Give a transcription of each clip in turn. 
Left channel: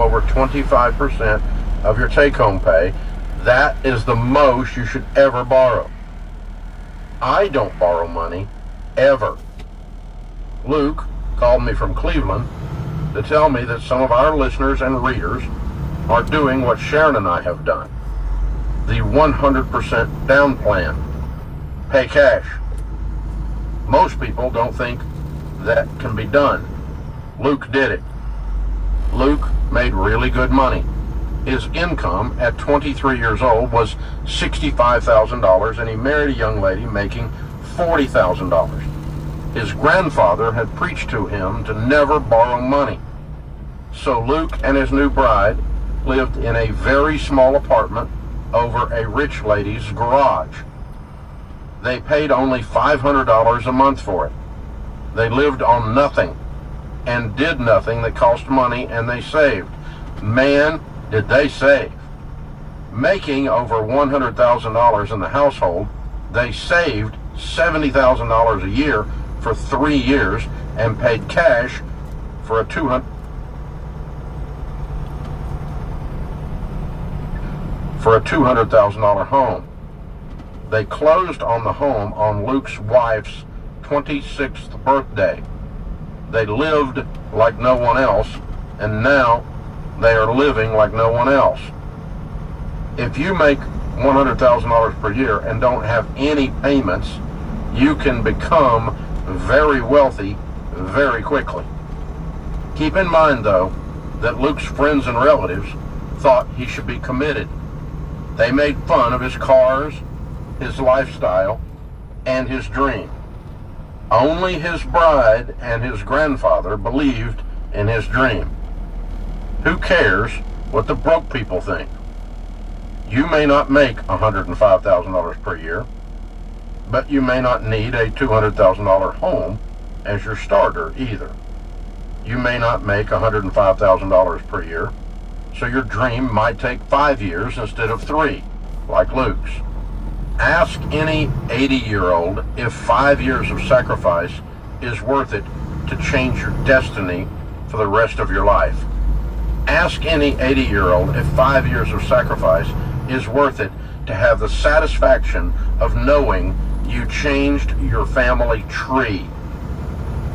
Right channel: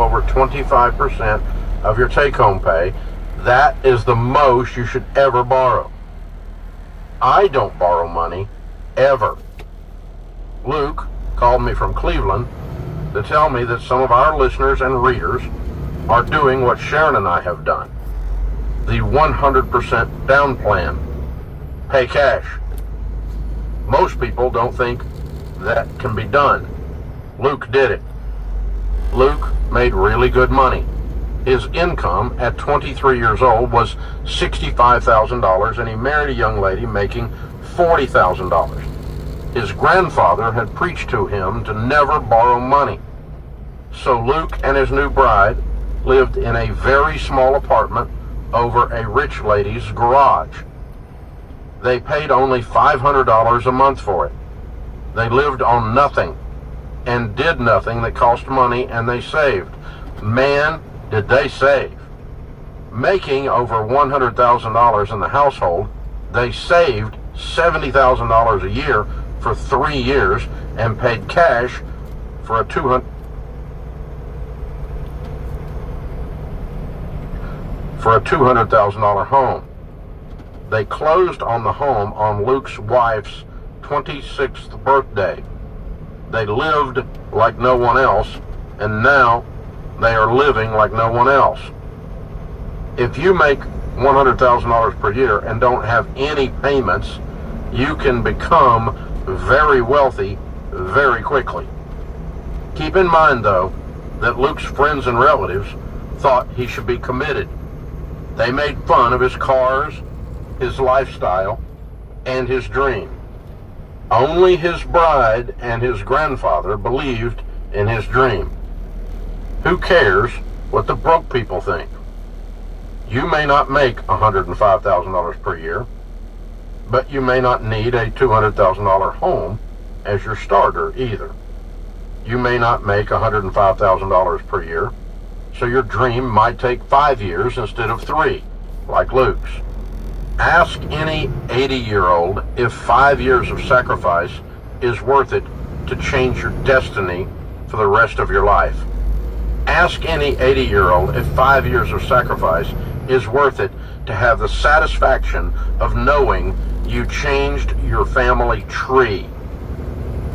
over 25% of your take-home pay. That is the most you should ever borrow. I don't borrow money, ever. Luke called me from Cleveland to tell me that some of our listeners and readers are doing what Sharon and I have done. The 100% down plan. Pay cash. Most people don't think that can be done. Luke did it. Luke made really good money. His income at 23 years old was $65,000, and he married a young lady making $40,000. His grandfather had preached to him to never borrow money. So Luke and his new bride lived in a very small apartment over a rich lady's garage. They paid only $500 a month for it. They lived on nothing and did nothing that cost money, and they saved. Man, did they save. Making over $100,000 in the household, they saved $70,000 a year for 3 years and paid cash for a $200,000 home. They closed on the home on Luke's wife's 26th birthday. They lived like no one else, and now they are living like no one else. If you make $100,000 per year and don't have any payments, you can become very wealthy very quickly. Keep in mind, though, that Luke's friends and relatives thought he should be committed. They made fun of his cars, his lifestyle, and his dream. Only his bride and his grandfather believed in his dream. Who cares what the broke people think? You may not make $105,000 per year, but you may not need a $200,000 home as your starter either. You may not make $105,000 per year, so your dream might take 5 years instead of 3, like Luke's. Ask any 80-year-old if 5 years of sacrifice is worth it to change your destiny for the rest of your life. Ask any 80-year-old if 5 years of sacrifice is worth it to have the satisfaction of knowing you changed your family tree.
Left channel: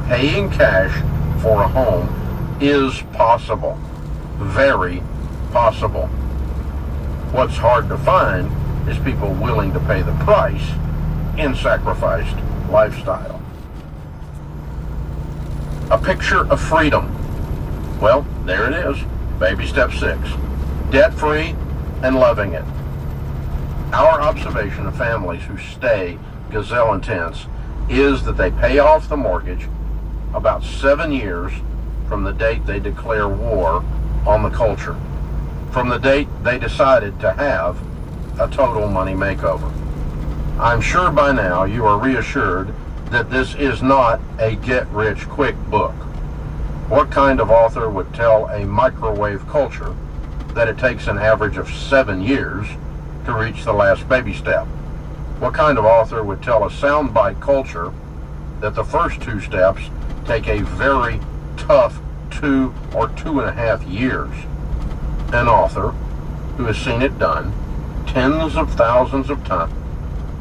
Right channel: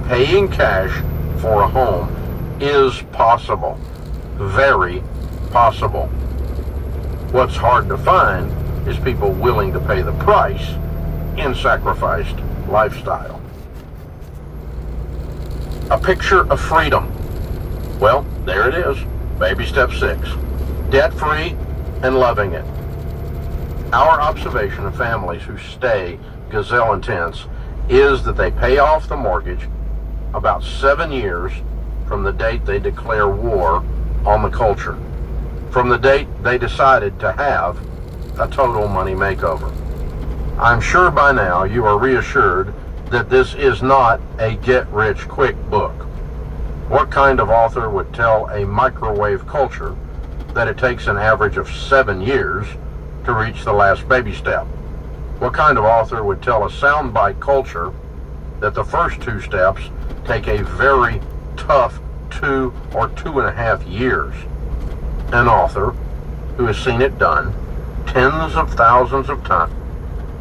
Paying cash for a home is possible. Very possible. What's hard to find is people willing to pay the price in sacrificed lifestyle. A picture of freedom. Well, there it is. Baby step 6. Debt-free and loving it. Our observation of families who stay gazelle intense is that they pay off the mortgage about 7 years from the date they declare war on the culture, from the date they decided to have a total money makeover. I'm sure by now you are reassured that this is not a get-rich-quick book. What kind of author would tell a microwave culture that it takes an average of 7 years to reach the last baby step? What kind of author would tell a soundbite culture that the first 2 steps take a very tough 2 or 2.5 years? An author who has seen it done tens of thousands of times